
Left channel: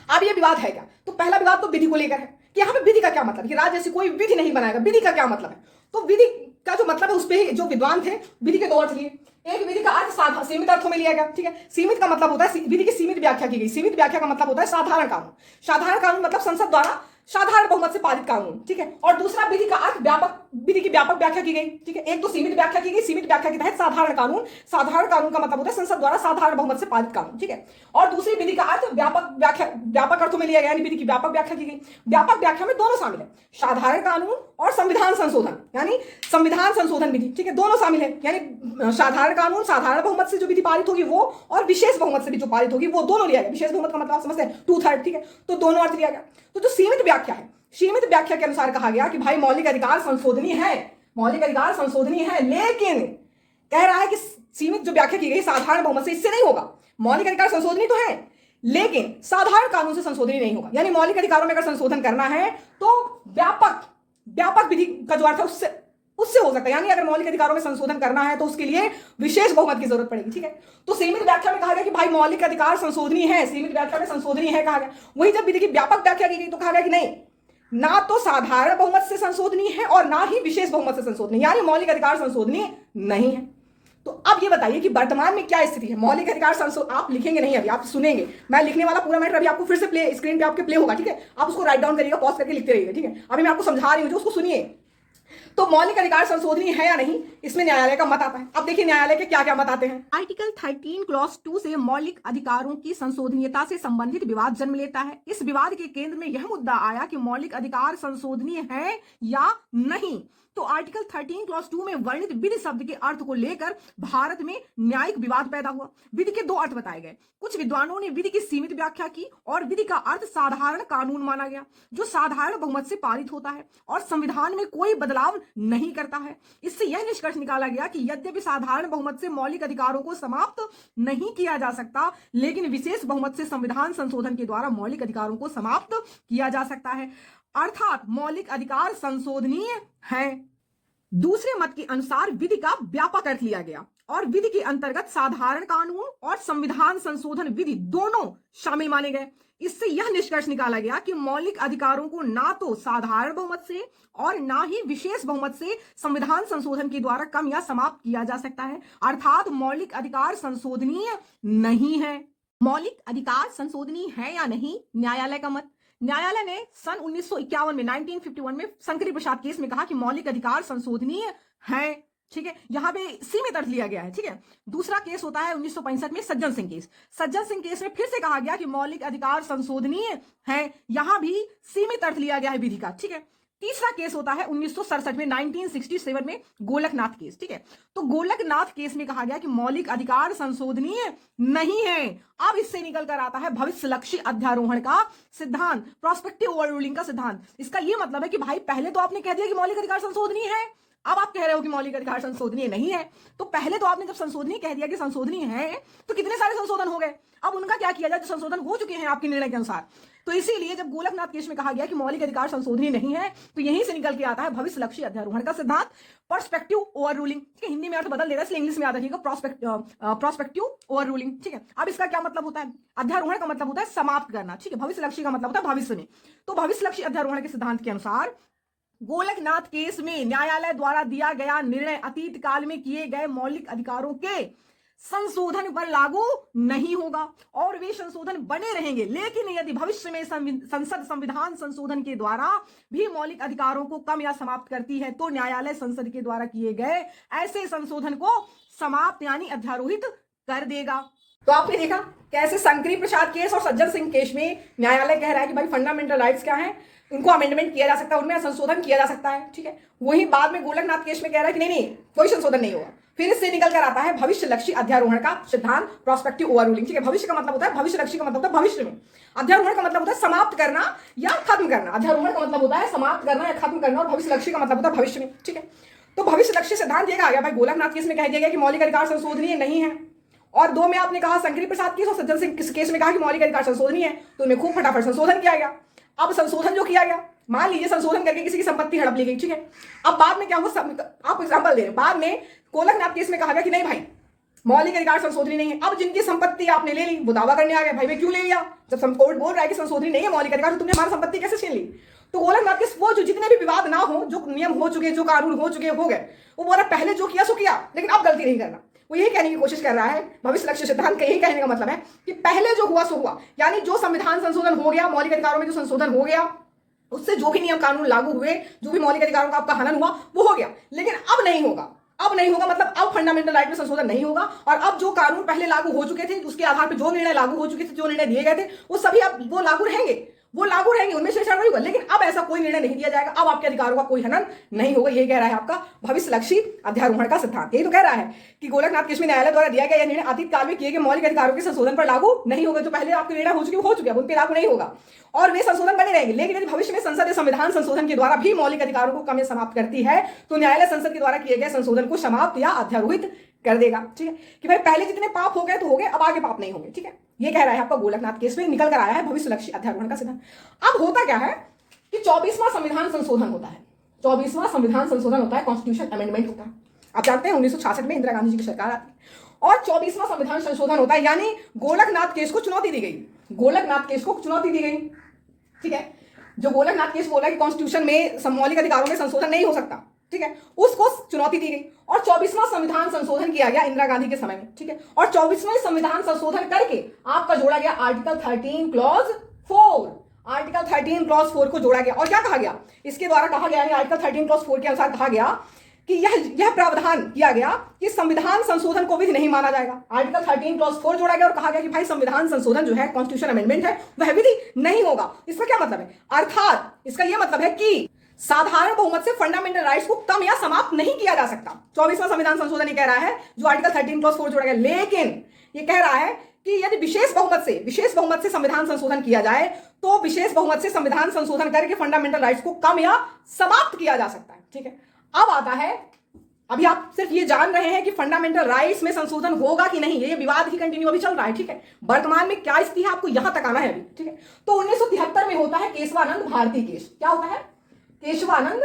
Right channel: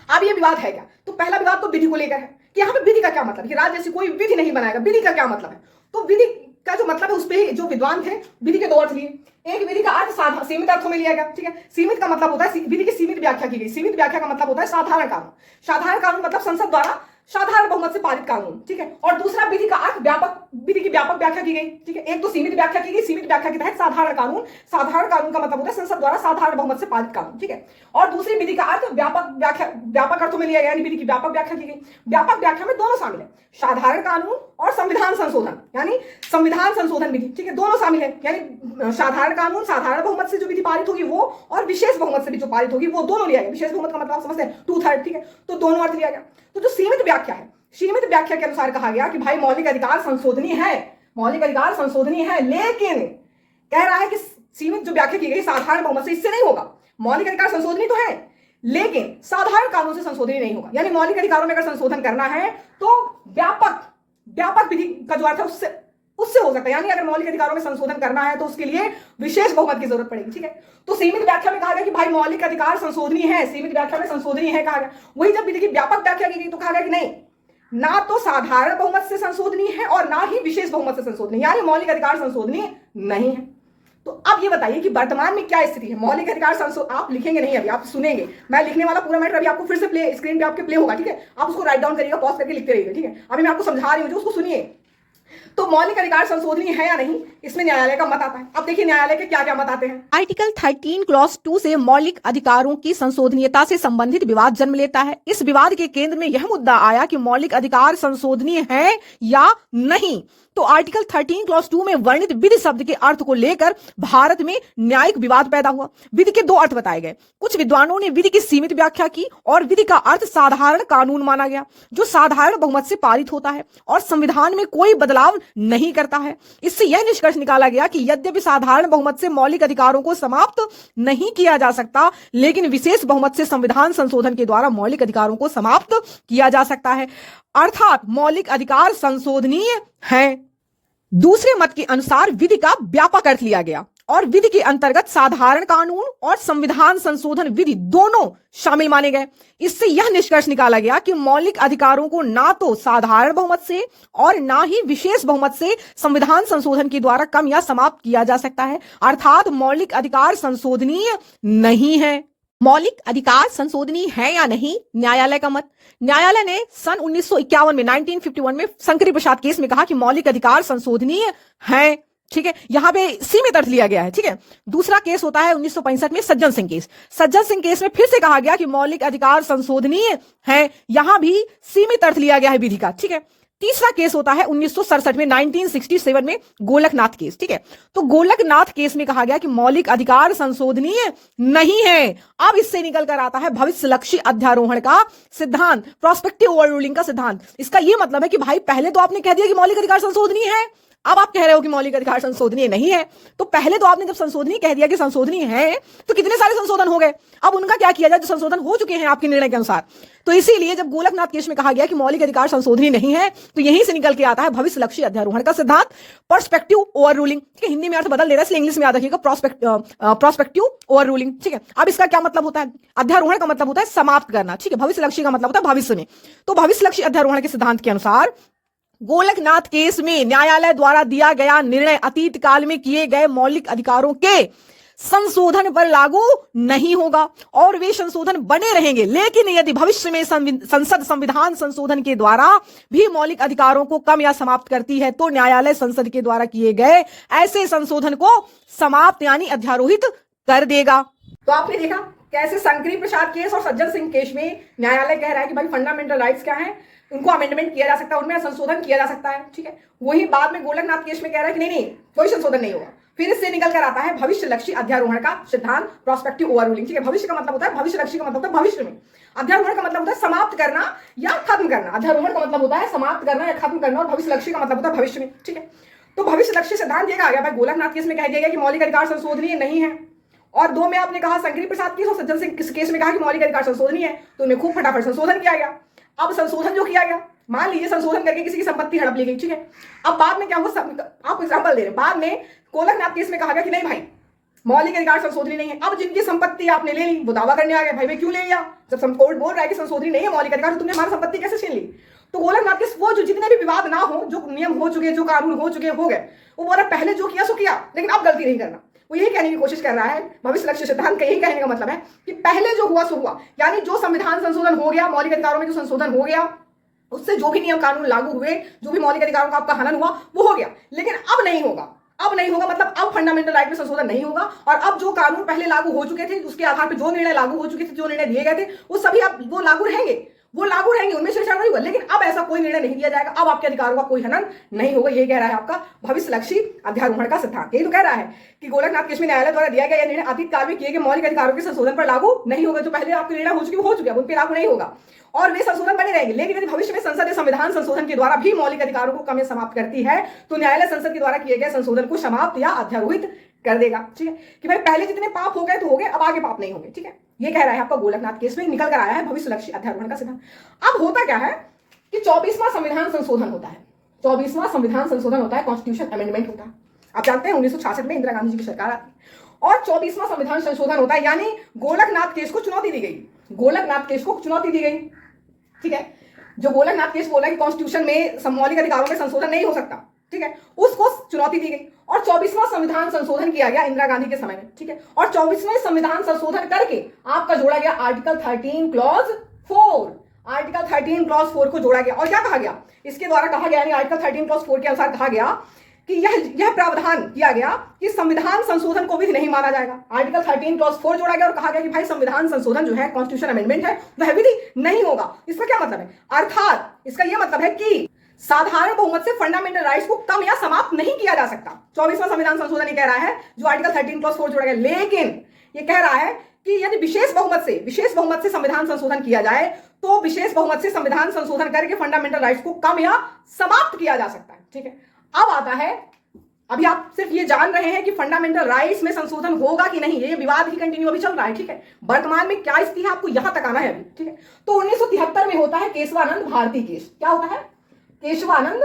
अब ये विवाद है क्या? तो पहला विवाद तो विधि को लेकर है कि यहाँ पे विधि का क्या मतलब, कि राज्य ऐसी कोई विधि नहीं बनाएगा, विधि का क्या मतलब है? तो विधि का जो मतलब है उस पर जो विद्वान थे विधि के दो अर्थ लिए। एक विधि का अर्थ सीमित अर्थों में लिया गया, ठीक है। सीमित का मतलब होता है विधि की सीमित व्याख्या की गई। सीमित व्याख्या का मतलब होता है साधारण कानून। साधारण कानून मतलब संसद द्वारा साधारण बहुमत से पारित कानून, ठीक है। और दूसरा विधि का अर्थ विधि की व्यापक व्याख्या की गई, ठीक है। एक तो सीमित व्याख्या की गई, सीमित व्याख्या के तहत साधारण कानून। साधारण कानून का मतलब होता है संसद द्वारा साधारण बहुमत से पारित कानून, ठीक है। और दूसरी विधि का अर्थ व्यापक अर्थों में लिया गया, यानी विधि की व्यापक व्याख्या की गई। व्यापक व्याख्या में दोनों शामिल है, साधारण कानून और संविधान संशोधन, यानी संविधान संशोधन विधि, ठीक है, दोनों शामिल है। यानी साधारण कानून साधारण बहुमत से जो विधि पारित होगी वो, और विशेष बहुमत से भी जो पारित होगी वो, दोनों लिया गया। विशेष बहुमत का मतलब आप समझते हैं 2/3, ठीक है। तो दोनों अर्थ लिया गया। तो जो सीमित व्याख्या है, सीमित व्याख्या के अनुसार कहा गया कि भाई मौलिक अधिकार संशोधनीय है, मौलिक अधिकार संशोधनीय है, लेकिन कह रहा है कि सीमित जो व्याख्या की गई साधारण बहुमत से, इससे नहीं होगा। मौलिक अधिकार संशोधनीय तो है लेकिन साधारण कानून से संशोधनीय नहीं होगा। यानी मौलिक अधिकारों में अगर संशोधन करना है तो व्यापक विधि का जो अर्थ है उससे हो सकता है। यानी अगर मौलिक अधिकारों में संशोधन करना है तो उसके लिए विशेष बहुमत की जरूरत पड़ेगी, ठीक है। तो सीमित व्याख्या में कहा गया कि भाई मौलिक अधिकार संशोधनीय है, सीमित व्याख्या में संशोधनीय है कहा गया। वही जब विधि की व्यापक व्याख्या की गई तो कहा गया कि नहीं, ना तो साधारण बहुमत से संशोधनीय है और ना ही विशेष बहुमत से संशोधनीय, यानी मौलिक अधिकार संशोधनीय नहीं है। तो अब ये बताइए कि वर्तमान में क्या स्थिति है। मौलिक अधिकार आप लिखेंगे नहीं, अभी आप सुनेंगे, मैं लिखने वाला पूरा मैटर अभी आपको फिर से स्क्रीन पे आपके प्ले होगा, ठीक है। आप उसको राइट डाउन करिएगा, पॉज करके लिखते रहिएगा, ठीक है। अभी मैं आपको समझा रही हूँ जो, उसको सुनिए। तो मौलिक अधिकार संशोधनीय है या नहीं, इसमें न्यायालय का मत आता है। अब देखिए न्यायालय के क्या क्या मत आते हैं। आर्टिकल 13 क्लॉज 2 से मौलिक अधिकारों की संशोधनीयता से संबंधित विवाद जन्म लेता है। इस विवाद के केंद्र में यह मुद्दा आया कि मौलिक अधिकार संशोधनीय है या नहीं। तो आर्टिकल 13 क्लॉज 2 में वर्णित विधि शब्द के अर्थ को लेकर भारत में न्यायिक विवाद पैदा हुआ। विधि के दो अर्थ बताए गए। कुछ विद्वानों ने विधि की सीमित व्याख्या की और विधि का अर्थ साधारण कानून माना गया जो साधारण बहुमत से पारित होता है और संविधान में कोई बदलाव नहीं करता है। इससे यह निष्कर्ष निकाला गया कि यद्यपि साधारण बहुमत से मौलिक अधिकारों को समाप्त नहीं किया जा सकता, लेकिन विशेष बहुमत से संविधान संशोधन के द्वारा मौलिक अधिकारों को समाप्त किया जा सकता है, अर्थात मौलिक अधिकार संशोधनीय है। दूसरे मत के अनुसार विधि का व्यापक अर्थ लिया गया और विधि के अंतर्गत साधारण कानून और संविधान संशोधन विधि दोनों शामिल माने गए। इससे यह निष्कर्ष निकाला गया कि मौलिक अधिकारों को ना तो साधारण बहुमत से और ना ही विशेष बहुमत से संविधान संशोधन के द्वारा कम या समाप्त किया जा सकता है, अर्थात मौलिक अधिकार संशोधनीय नहीं है। मौलिक अधिकार संशोधनीय है या नहीं, न्यायालय का मत। न्यायालय ने सन 1951 में 1951 में शंकरी प्रसाद केस में कहा कि मौलिक अधिकार संशोधनीय है। ठीक है, यहां पे सीमित अर्थ लिया गया है। ठीक है, दूसरा केस होता है 1965 में सज्जन सिंह केस। सज्जन सिंह केस में फिर से कहा गया कि मौलिक अधिकार संशोधनीय है, यहां भी सीमित अर्थ लिया गया है विधि का। ठीक है, तीसरा केस होता है 1967 में 1967 में गोलकनाथ केस। ठीक है, तो गोलकनाथ केस में कहा गया कि मौलिक अधिकार संशोधनीय नहीं है। अब इससे निकल कर आता है भविष्यलक्षी अध्यारोहण का सिद्धांत, प्रोस्पेक्टिव ओवर रूलिंग का सिद्धांत। इसका यह मतलब है कि भाई पहले तो आपने कह दिया कि मौलिक अधिकार संशोधनीय है, अब आप कह रहे हो कि मौलिक अधिकार संशोधनीय नहीं है। तो पहले तो आपने जब संशोधनीय कह दिया कि संशोधनीय है, तो कितने सारे संशोधन हो गए, अब उनका क्या किया जाए जो संशोधन हो चुके हैं आपके निर्णय के अनुसार। तो इसीलिए जब गोलकनाथ केस में कहा गया कि मौलिक अधिकार संशोधनीय नहीं है, तो यहीं से निकल के आता है भविष्यलक्षी अध्यारोहण का सिद्धांत, पर्सपेक्टिव ओवर रूलिंग। ठीक है, हिंदी में अर्थ बदल दे रहा है इसलिए इंग्लिश में याद रखिएगा, प्रोस्पेक्टिव ओवर रूलिंग। ठीक है, अब इसका क्या मतलब होता है, अध्यारोहण का मतलब होता है समाप्त करना। ठीक है, भविष्यलक्षी का मतलब होता है भविष्य में। तो भविष्यलक्षी अध्यारोहण के सिद्धांत के अनुसार गोलकनाथ केस में न्यायालय द्वारा दिया गया निर्णय अतीत काल में किए गए मौलिक अधिकारों के संशोधन पर लागू नहीं होगा और वे संशोधन बने रहेंगे। लेकिन यदि भविष्य में संसद संविधान संशोधन के द्वारा भी मौलिक अधिकारों को कम या समाप्त करती है, तो न्यायालय संसद के द्वारा किए गए ऐसे संशोधन को समाप्त यानी अध्यारोहित कर देगा। तो आपने देखा कैसे शंकरी प्रसाद केस और सज्जन सिंह केस में न्यायालय कह रहा है कि भाई फंडामेंटल राइट्स क्या है, उनको अमेंडमेंट किया जा सकता है, उनमें संशोधन किया जा सकता है। ठीक है, वही बाद में गोलकनाथ केस में कह रहा है कि नहीं कोई संशोधन नहीं होगा। फिर इससे निकल कर आता है भविष्यलक्षी अध्यारोहण का सिद्धांत, प्रोस्पेक्टिव ओवर रूलिंग। ठीक है, भविष्य का मतलब होता है, भविष्यलक्षी का मतलब होता है भविष्य में, अध्यारोहण का मतलब होता है समाप्त करना या खत्म करना। अध्यारोहण का मतलब होता है समाप्त करना या खत्म करना और भविष्यलक्षी का मतलब होता है भविष्य में। ठीक है, तो भविष्यलक्षी सिद्धांत ये कहा गया भाई गोलकनाथ केस में कह दिया गया कि मौलिक अधिकार संशोधनीय नहीं है, और दो में आपने कहा शंकरी प्रसाद केस और सज्जन सिंह केस में कहा कि मौलिक अधिकार संशोधनीय है, तो उन्हें खूब फटाफट संशोधन किया गया। अब संशोधन जो किया गया, मान लीजिए संशोधन करके किसी की संपत्ति हड़प ली गई। ठीक है, अब बाद में क्या हुआ, आपको एग्जांपल दे रहे हैं, बाद में गोलकनाथ केस में कहा गया कि नहीं भाई मौलिक अधिकार संशोधनी नहीं है। अब जिनकी संपत्ति आपने ले ली वो दावा करने आ गए, भाई मैं क्यों ले लिया, जब कोर्ट बोल रहा है कि संशोधनी नहीं है मौलिक अधिकार, तो तुमने हमारी संपत्ति कैसे छीन ली। तो गोलकनाथ केस वो जो जितने भी विवाद ना हो, जो नियम हो चुके, जो कानून हो चुके हो गए, वो बोला पहले जो किया सो किया, लेकिन अब गलती नहीं करना। वो यही कहने की कोशिश कर रहा है, भविष्यलक्षी सिद्धांत का यही कहने का मतलब है कि पहले जो हुआ सो हुआ, यानी जो संविधान संशोधन हो गया, मौलिक अधिकारों में जो संशोधन हो गया, उससे जो भी नियम कानून लागू हुए, जो भी मौलिक अधिकारों का आपका हनन हुआ वो हो गया, लेकिन अब नहीं होगा। अब नहीं होगा मतलब अब फंडामेंटल राइट में संशोधन नहीं होगा, और अब जो कानून पहले लागू हो चुके थे, उसके आधार पर जो निर्णय लागू हो चुके थे, जो निर्णय दिए गए थे, वो सभी अब वो लागू रहेंगे, उनमें छेड़छाड़ नहीं होगा, लेकिन अब ऐसा कोई निर्णय नहीं दिया जाएगा, अब आपके अधिकारों का कोई हनन नहीं होगा। ये कह रहा है आपका भविष्यलक्षी अध्यारोहण का सिद्धांत। यही तो कह रहा है कि गोलकनाथ केस में न्यायालय द्वारा दिया गया निर्णय अतीत काल में किए गए मौलिक अधिकारों के संशोधन पर लागू नहीं होगा। जो पहले आपके निर्णय हो चुके हैं उन पर लागू नहीं होगा और वे संशोधन बने रहेंगे। लेकिन यदि भविष्य में संसद या संविधान संशोधन के द्वारा भी मौलिक अधिकारों को कम या समाप्त करती है, तो न्यायालय संसद के द्वारा किए गए संशोधन को समाप्त या अध्यारोहित कर देगा। ठीक है, कि भाई पहले जितने पाप हो गए तो हो गए, अब आगे पाप नहीं होंगे। ठीक है, ये कह रहा है आपका गोलकनाथ केस में निकल कर आया है भविष्यलक्षी अध्यारोहण का सिद्धांत। अब होता क्या है कि 24वां संविधान संशोधन होता है, 24वां संविधान संशोधन होता है, कॉन्स्टिट्यूशन अमेंडमेंट होता है। आप जानते हैं 1966 में इंदिरा गांधी जी की सरकार आती है और 24वां संविधान संशोधन होता है, यानी गोलकनाथ केस को चुनौती दी गई, गोलकनाथ केस को चुनौती दी गई। ठीक है, जो गोलकनाथ केस बोला कि कॉन्स्टिट्यूशन में मौलिक अधिकारों में संशोधन नहीं हो सकता, ठीक है, उसको चुनौती दी गई और 24वां संविधान संशोधन किया गया इंदिरा गांधी के समय में। ठीक है, और 24वें संविधान संशोधन करके आपका जोड़ा गया आर्टिकल 13 क्लॉज 4, आर्टिकल 13 क्लॉज 4 को जोड़ा गया। और क्या कहा गया इसके द्वारा, कहा गया यानी आर्टिकल 13 क्लॉज 4 के अनुसार कहा गया कि यह प्रावधान किया गया कि संविधान संशोधन को विधि नहीं माना जाएगा। आर्टिकल 13 क्लॉज 4 जोड़ा गया और कहा गया कि भाई संविधान संशोधन जो है, कॉन्स्टिट्यूशन अमेंडमेंट है, वह विधि नहीं होगा। इसका क्या मतलब है, अर्थात इसका यह मतलब है कि साधारण बहुमत से फंडामेंटल राइट्स को कम या समाप्त नहीं किया जा सकता। 24वां संविधान संशोधन ये कह रहा है, जो आर्टिकल 13 जोड़ा गया, लेकिन ये कह रहा है कि यदि विशेष बहुमत से संविधान संशोधन किया जाए तो विशेष बहुमत से संविधान संशोधन करके फंडामेंटल राइट्स को कम या समाप्त किया जा सकता है। ठीक है, अब आता है, अभी आप सिर्फ ये जान रहे हैं कि फंडामेंटल राइट्स में संशोधन होगा कि नहीं, ये विवाद ही कंटिन्यू अभी चल रहा है। ठीक है, वर्तमान में क्या स्थिति है आपको यहां तक आना है अभी। ठीक है, तो 1973 में होता है केशवानंद भारती केस। क्या होता है? केशवानंद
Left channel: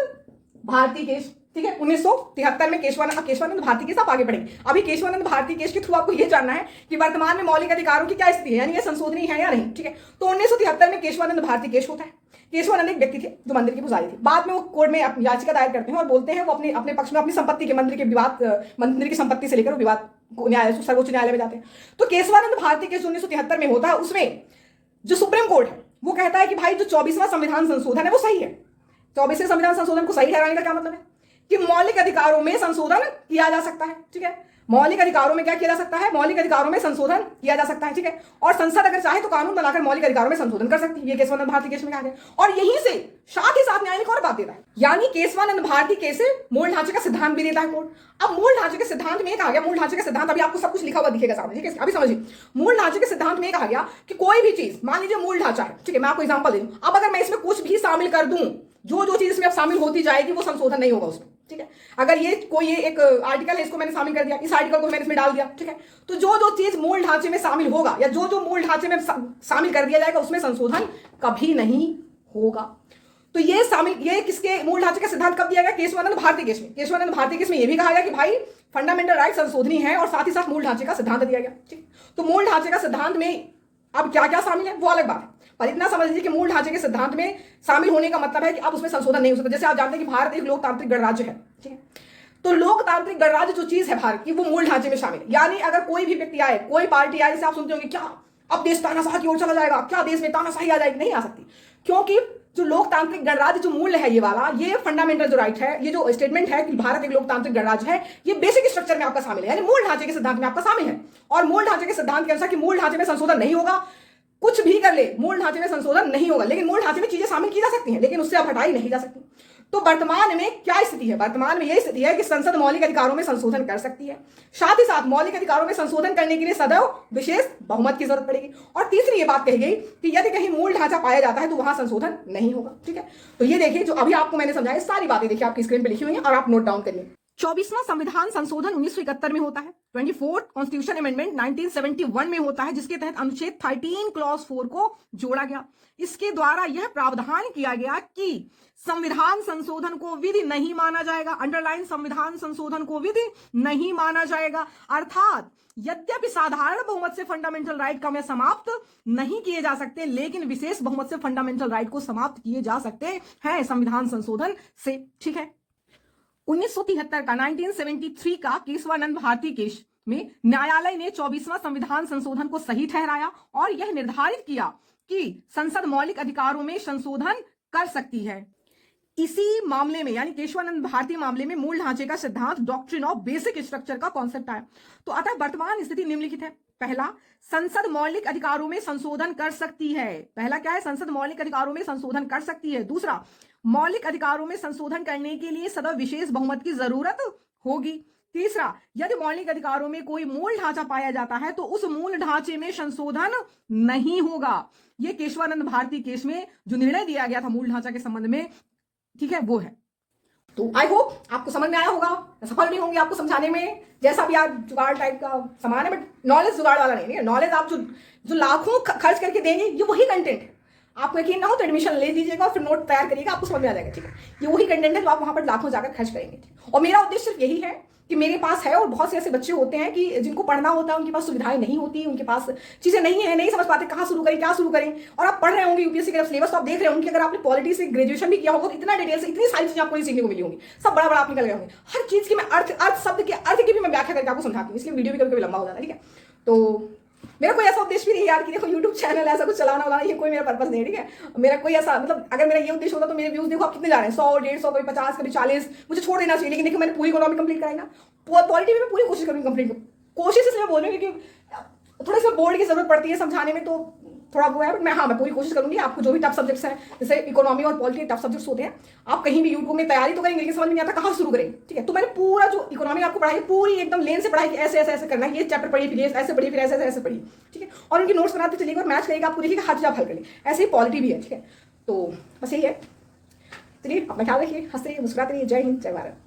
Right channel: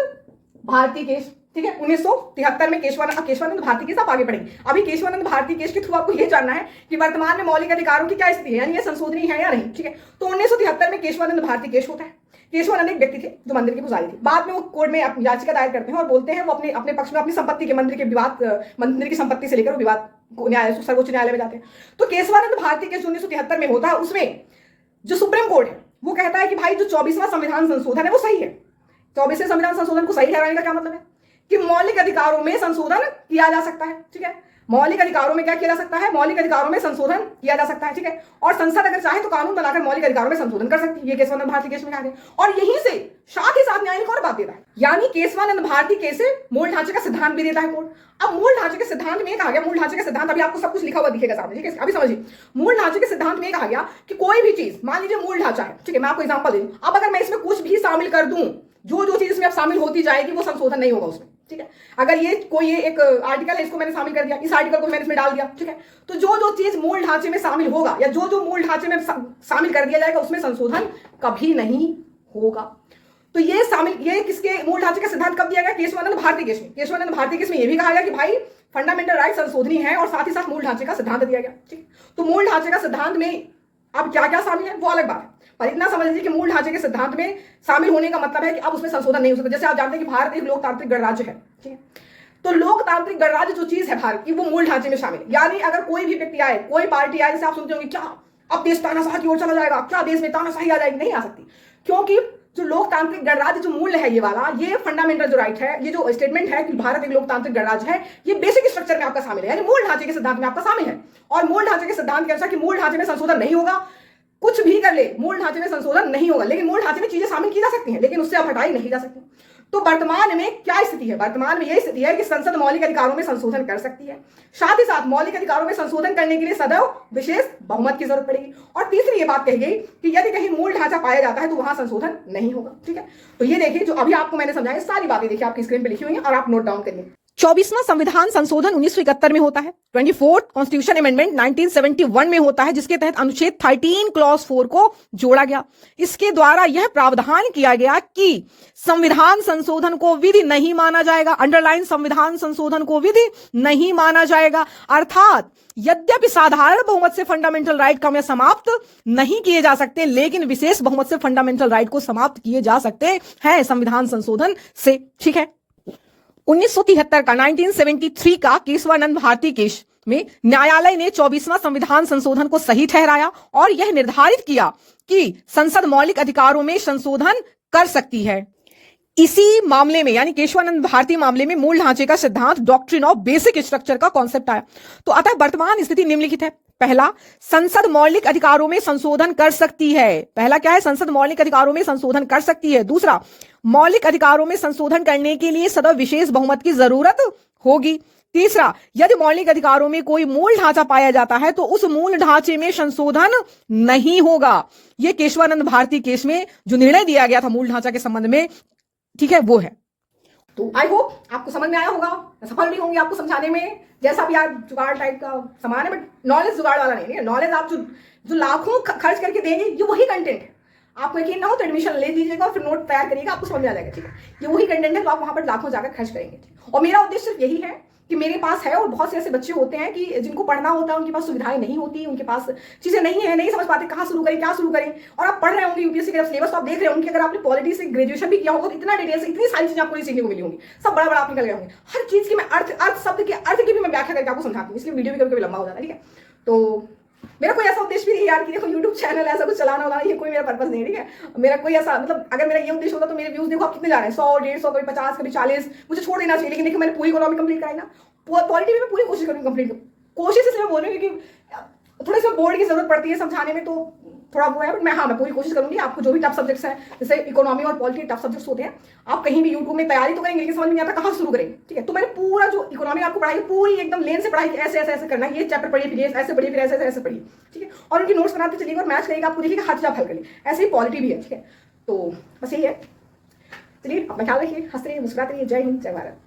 भारती केस। ठीक है, 1973 में केशवानंद भारती केस। आप आगे बढ़ेंगे, अभी केशवानंद भारती केस के थ्रू आपको यह जानना है कि वर्तमान में मौलिक अधिकारों की क्या स्थिति है, यानी ये संशोधनीय है या नहीं। ठीक है, तो 1973 में केशवानंद भारती केस होता है। केशवानंद एक व्यक्ति थे जो मंदिर के पुजारी थे। बाद में वो कोर्ट में याचिका दायर करते हैं और बोलते हैं वो अपने पक्ष में अपनी संपत्ति के मंदिर की संपत्ति से लेकर विवाद सर्वोच्च न्यायालय में जाते हैं। तो केशवानंद भारती केस 1973 में होता है। उसमें जो सुप्रीम कोर्ट है वो कहता है कि भाई जो 24वां संविधान संशोधन है वो सही है। 24वें संविधान संशोधन को सही ठहराने का क्या मतलब है कि मौलिक अधिकारों में संशोधन किया जा सकता है। ठीक है, मौलिक अधिकारों में क्या किया जा सकता है? मौलिक अधिकारों में संशोधन किया जा सकता है। ठीक है, और संसद अगर चाहे तो कानून बनाकर मौलिक अधिकारों में संशोधन कर सकती है। ये केशवानंद भारती केस में कहा गया। और यहीं से साथ ही साथ न्याय को और बात देता है, यानी केशवानंद भारती केस से मूल ढांचे का सिद्धांत भी देता है कोर्ट। अब मूल ढांचे के सिद्धांत में कहा गया, मूल ढांचे के सिद्धांत अभी आपको सब कुछ लिखा हुआ दिखेगा सामने। ठीक है, अभी समझिए, मूल ढांचे के सिद्धांत में कहा गया कि कोई भी चीज, मान लीजिए मूल ढांचा है। ठीक है, मैं आपको एग्जांपल दे दूं, अब अगर मैं इसमें कुछ भी शामिल कर दूं, जो चीज इसमें अब शामिल होती जाएगी वो संशोधन नहीं होगा उसमें। ठीक है, अगर ये कोई एक आर्टिकल है, इसको मैंने शामिल कर दिया, इस आर्टिकल को मैंने इसमें डाल दिया। ठीक है, तो जो चीज मूल ढांचे में शामिल होगा या जो मूल ढांचे में शामिल कर दिया जाएगा उसमें संशोधन कभी नहीं होगा। तो ये किसके मूल ढांचे का सिद्धांत कब दिया गया? केशवानंद भारती केस में। केशवानंद भारती केस में यह भी कहा गया कि भाई फंडामेंटल राइट संशोधनीय है और साथ ही साथ मूल ढांचे का सिद्धांत दिया गया। ठीक, तो मूल ढांचे का सिद्धांत में अब क्या क्या शामिल है वो अलग बात है, पर इतना समझ लीजिए कि मूल ढांचे के सिद्धांत में शामिल होने का मतलब है कि अब उसमें संशोधन नहीं हो सकता। जैसे आप जानते हैं कि भारत एक लोकतांत्रिक गणराज्य है। ठीक है, तो लोकतांत्रिक गणराज्य जो चीज है भारत की, वो मूल ढांचे में शामिल है। यानी अगर कोई भी व्यक्ति आए, कोई पार्टी आए, जैसे आप सुनते होंगे क्या अब देश तानाशाही की ओर चला जाएगा, क्या देश में तानाशाही आ जाएगी, नहीं आ सकती, क्योंकि जो लोकतांत्रिक गणराज्य जो मूल्य है ये वाला, ये फंडामेंटल जो राइट है, ये जो स्टेटमेंट है कि भारत एक लोकतांत्रिक गणराज्य है, ये बेसिक स्ट्रक्चर में आपका शामिल है, यानी मूल ढांचे के सिद्धांत में आपका शामिल है। और मूल ढांचे के सिद्धांत के अनुसार कि मूल ढांचे में संशोधन नहीं होगा, कुछ भी कर ले मूल ढांचे में संशोधन नहीं होगा, लेकिन मूल ढांचे में चीजें शामिल की जा सकती हैं, लेकिन उससे अब हटाई नहीं जा सकती। तो वर्तमान में क्या स्थिति है? वर्तमान में यह स्थिति है कि संसद मौलिक अधिकारों में संशोधन कर सकती है, साथ ही साथ मौलिक अधिकारों में संशोधन करने के लिए सदैव विशेष बहुमत की जरूरत पड़ेगी। और तीसरी ये बात कही गई कि यदि कहीं मूल ढांचा पाया जाता है तो वहां संशोधन नहीं होगा। ठीक है, तो ये देखिए जो अभी आपको मैंने समझाया, सारी बातें देखिए आपकी स्क्रीन पर लिखी हुई है और आप नोट डाउन करिए। 24वां संविधान संशोधन 1971 में होता है। 24th कॉन्स्टिट्यूशन अमेंडमेंट 1971 में होता है, जिसके तहत अनुच्छेद 13 क्लॉज 4 को जोड़ा गया। इसके द्वारा यह प्रावधान किया गया कि संविधान संशोधन को विधि नहीं माना जाएगा। अंडरलाइन, संविधान संशोधन को विधि नहीं माना जाएगा, अर्थात यद्यपि साधारण बहुमत से फंडामेंटल राइट कम या समाप्त नहीं किए जा सकते, लेकिन विशेष बहुमत से फंडामेंटल राइट को समाप्त किए जा सकते हैं संविधान संशोधन से। ठीक है, 1973 का 1973 का केशवानंद भारती केस में न्यायालय ने 24वां संविधान संशोधन को सही ठहराया और यह निर्धारित किया कि संसद मौलिक अधिकारों में संशोधन कर सकती है। इसी मामले में यानी केशवानंद भारती मामले में मूल ढांचे का सिद्धांत, डॉक्ट्रिन ऑफ बेसिक स्ट्रक्चर का कॉन्सेप्ट आया। तो अतः वर्तमान स्थिति निम्नलिखित है। पहला, संसद मौलिक अधिकारों में संशोधन कर सकती है। पहला क्या है? संसद मौलिक अधिकारों में संशोधन कर सकती है। दूसरा, मौलिक अधिकारों में संशोधन करने के लिए सदैव विशेष बहुमत की जरूरत होगी। तीसरा, यदि मौलिक अधिकारों में कोई मूल ढांचा पाया जाता है तो उस मूल ढांचे में संशोधन नहीं होगा। यह केशवानंद भारती केस में जो निर्णय दिया गया था मूल ढांचा के संबंध में, ठीक है, वो है। तो आई होप आपको समझ में आया होगा। मैं सफल नहीं होंगी आपको समझाने में, जैसा भी आज जुगाड़ टाइप का सामान है, बट नॉलेज जुगाड़ वाला नहीं है। नॉलेज आप जो लाखों खर्च करके देंगे, ये वही कंटेंट है। आपको यकीन ना हो तो एडमिशन ले लीजिएगा और फिर नोट तैयार करिएगा, आपको समझ में आ जाएगा। ठीक है, ये वही कंटेंट है जो आप वहां पर लाखों जाकर खर्च करेंगे। और मेरा उद्देश्य सिर्फ यही है कि मेरे पास है, और बहुत से ऐसे बच्चे होते हैं कि जिनको पढ़ना होता है, उनके पास सुविधाएं नहीं होती, उनके पास चीजें नहीं है, नहीं समझ पाते कहाँ शुरू करें, क्या शुरू करें। और आप पढ़ रहे होंगे यूपीएससी का सिलेबस, तो आप देख रहे होंगे अगर आपने पॉलिटी से ग्रेजुएशन भी किया होगा तो इतना डिटेल से इतनी सारी चीजें आपको नहीं सीखने को मिली होंगी, सब बड़ा बड़ा आप निकल गए होंगे। हर चीज की मैं अर्थ शब्द के अर्थ की भी मैं व्याख्या करके आपको समझाती हूँ, इसलिए वीडियो भी कभी कभी लंबा हो जाता है। ठीक है, तो मेरा कोई ऐसा उद्देश्य भी नहीं यार कि देखो यूट्यूब चैनल ऐसा कुछ चलाना वाला, ये कोई मेरा पर्पस नहीं है। ठीक है, मेरा कोई ऐसा मतलब अगर मेरा ये उद्देश्य होता तो मेरे व्यूज देखो आप कितने जा रहे हैं, 100, 150, कभी 50, कभी 40, मुझे छोड़ देना चाहिए। लेकिन देखिए मैंने पूरी इकोनॉमी कंप्लीट कराई ना, पॉलिटी में मैं पूरी कोशिश करूँगी कंप्लीट। कोशिश इसलिए बोल रही हूँ कि थोड़ी सी बोर्ड की जरूरत पड़ती है समझाने में, तो थोड़ा वो है, बट मैं पूरी कोशिश करूंगी आपको जो भी टफ सब्जेक्ट्स हैं, जैसे इकोनॉमी और पॉलिटी टफ सब्जेक्ट्स होते हैं, आप कहीं भी यूट्यूब में तैयारी तो करेंगे लेकिन समझ में नहीं आता कहाँ शुरू करें, ठीक है। तो मैंने पूरा जो इकोनॉमी आपको पढ़ाई पूरी एकदम लेन से पढ़ाई, ऐसे ऐसे ऐसे करना है, ये चैप्टर पढ़िए, फिर ऐसे पढ़िए, फिर ऐसे ऐसे पढ़िए, ठीक है। और उनकी नोट्स बनाते चलिएगा और मैच करिएगा, आपको देखिएगा हाथ आप हल करिए। ऐसे ही पॉलिटी भी है, ठीक है। तो बस यही है, चलिए अपना ख्याल रखिए, हंसते रहिए, मुस्कुराते रहिए। जय हिंद, जय भारत।